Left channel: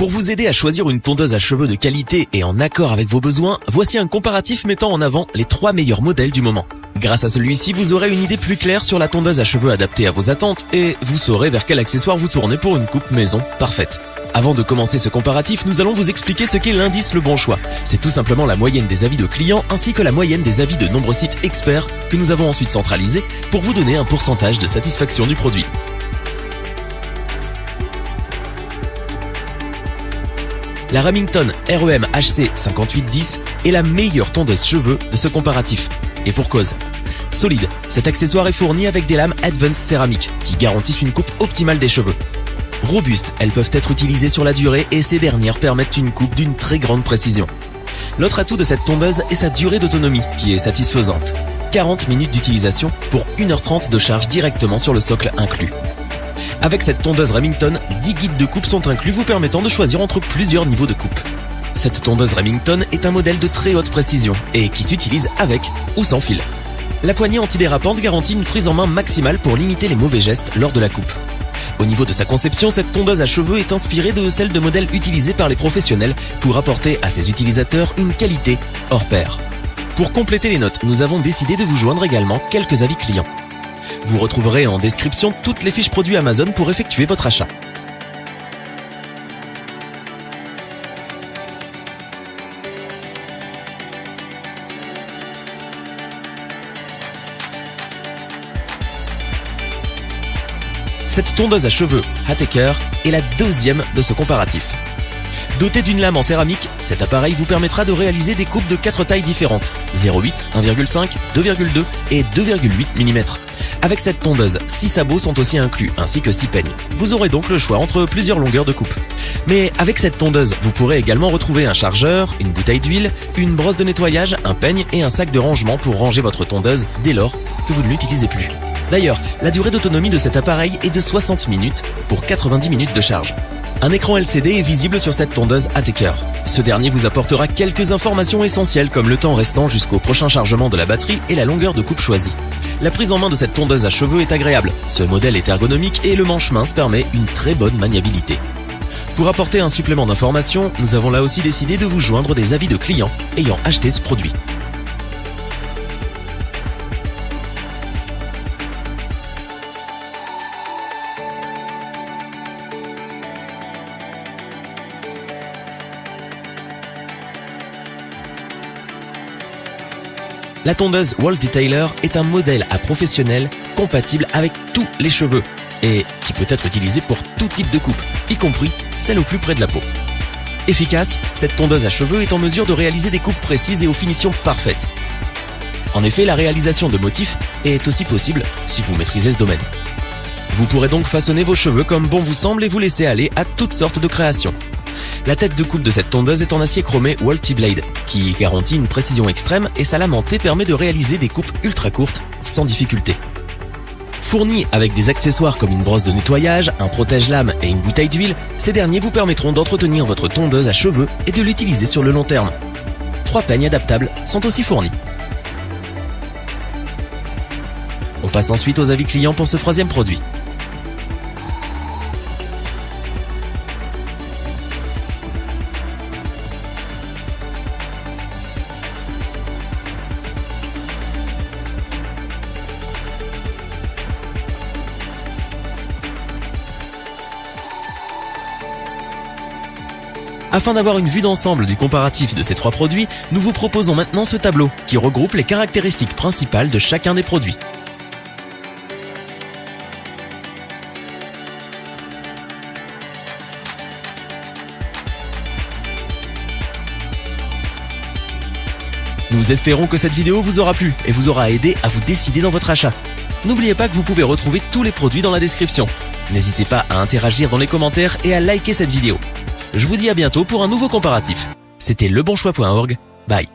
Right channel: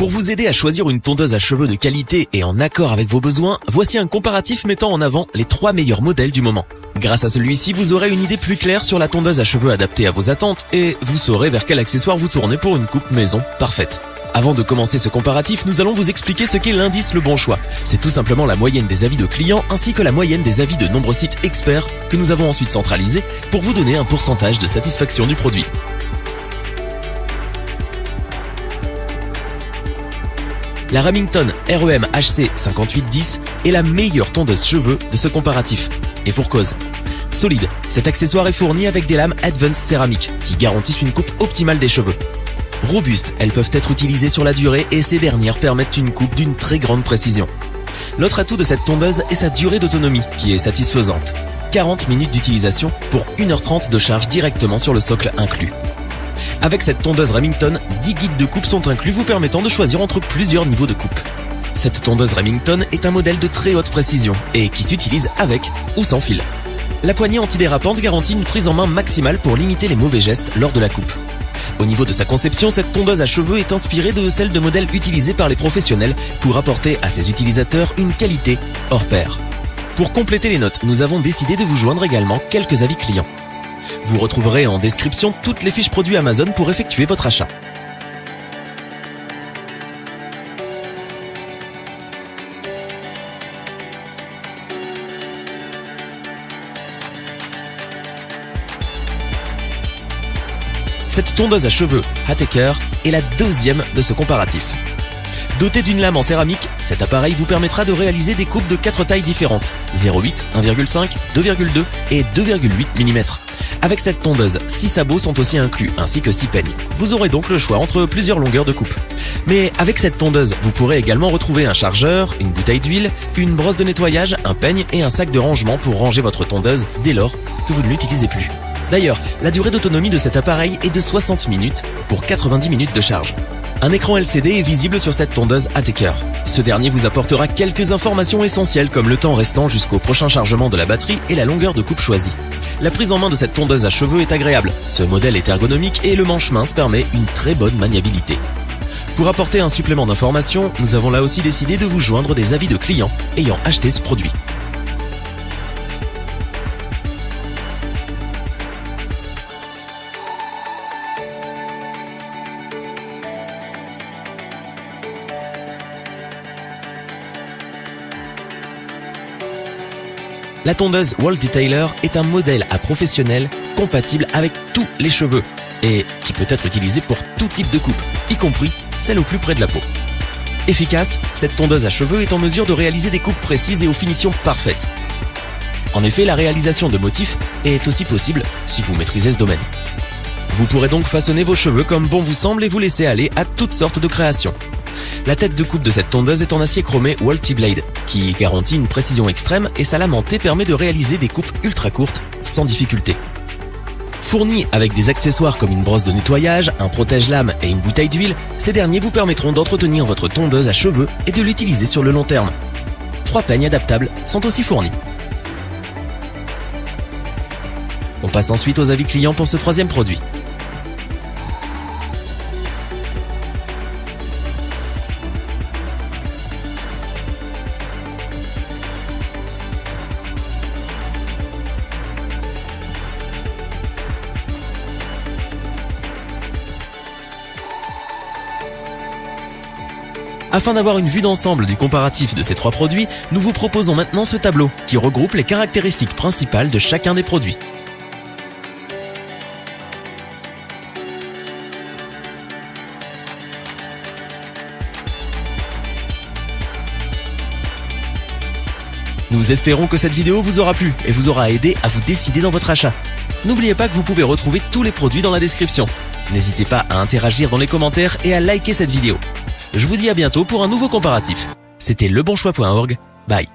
Pour vous aider à choisir une tondeuse à cheveux de qualité et en accord avec vos besoins, voici un comparatif mettant en avant les 3 meilleurs modèles du moment. Grâce à celui-ci, vous aurez une idée plus claire sur la tondeuse à cheveux adaptée à vos attentes et vous saurez vers quel accessoire vous tournez pour une coupe maison parfaite. Avant de commencer ce comparatif, nous allons vous expliquer ce qu'est l'indice Le Bon Choix. C'est tout simplement la moyenne des avis de clients ainsi que la moyenne des avis de nombreux sites experts que nous avons ensuite centralisés pour vous donner un pourcentage de satisfaction du produit. La Remington REM HC 5810 est la meilleure tondeuse cheveux de ce comparatif. Et pour cause. Solide, cet accessoire est fourni avec des lames Advanced céramiques qui garantissent une coupe optimale des cheveux. Robustes, elles peuvent être utilisées sur la durée et ces dernières permettent une coupe d'une très grande précision. L'autre atout de cette tondeuse est sa durée d'autonomie qui est satisfaisante. 40 minutes d'utilisation pour 1h30 de charge directement sur le socle inclus. Avec cette tondeuse Remington, 10 guides de coupe sont inclus vous permettant de choisir entre plusieurs niveaux de coupe. Cette tondeuse Remington est un modèle de très haute précision et qui s'utilise avec ou sans fil. La poignée antidérapante garantit une prise en main maximale pour limiter les mauvais gestes lors de la coupe. Au niveau de sa conception, cette tondeuse à cheveux est inspirée de celle de modèles utilisés par les professionnels pour apporter à ses utilisateurs une qualité hors pair. Pour compléter les notes, nous avons décidé de vous joindre également quelques avis clients. Vous retrouverez en description toutes les fiches produits Amazon pour effectuer votre achat. Cette tondeuse à cheveux Attacker est la deuxième de ce comparatif. Doté d'une lame en céramique, cet appareil vous permettra de réaliser des coupes de 4 tailles différentes, 0,8, 1,5, 2,2 et 2,8 mm. Avec cette tondeuse, 6 sabots sont aussi inclus, ainsi que 6 peignes. Vous aurez donc le choix entre plusieurs longueurs de coupe. Mais avec cette tondeuse, vous pourrez également retrouver un chargeur, une bouteille d'huile, une brosse de nettoyage, un peigne et un sac de rangement pour ranger votre tondeuse dès lors que vous ne l'utilisez plus. D'ailleurs, la durée d'autonomie de cet appareil est de 60 minutes pour 90 minutes de charge. Un écran LCD est visible sur cette tondeuse Attacker. Ce dernier vous apportera quelques informations essentielles comme le temps restant jusqu'au prochain chargement de la batterie et la longueur de coupe choisie. La prise en main de cette tondeuse à cheveux est agréable. Ce modèle est ergonomique et le manche mince permet une très bonne maniabilité. Pour apporter un supplément d'information, nous avons là aussi décidé de vous joindre des avis de clients ayant acheté ce produit. La tondeuse Wall Detailer est un modèle à professionnel compatible avec tous les cheveux et qui peut être utilisé pour tout type de coupe, y compris celle au plus près de la peau. Efficace, cette tondeuse à cheveux est en mesure de réaliser des coupes précises et aux finitions parfaites. En effet, la réalisation de motifs est aussi possible si vous maîtrisez ce domaine. Vous pourrez donc façonner vos cheveux comme bon vous semble et vous laisser aller à toutes sortes de créations. La tête de coupe de cette tondeuse est en acier chromé Walty Blade, qui garantit une précision extrême et sa lame en T permet de réaliser des coupes ultra courtes sans difficulté. Fournis avec des accessoires comme une brosse de nettoyage, un protège-lame et une bouteille d'huile, ces derniers vous permettront d'entretenir votre tondeuse à cheveux et de l'utiliser sur le long terme. 3 peignes adaptables sont aussi fournis. On passe ensuite aux avis clients pour ce troisième produit. Afin d'avoir une vue d'ensemble du comparatif de ces 3 produits, nous vous proposons maintenant ce tableau qui regroupe les caractéristiques principales de chacun des produits. Nous espérons que cette vidéo vous aura plu et vous aura aidé à vous décider dans votre achat. N'oubliez pas que vous pouvez retrouver tous les produits dans la description. N'hésitez pas à interagir dans les commentaires et à liker cette vidéo. Je vous dis à bientôt pour un nouveau comparatif. C'était lebonchoix.org. Bye.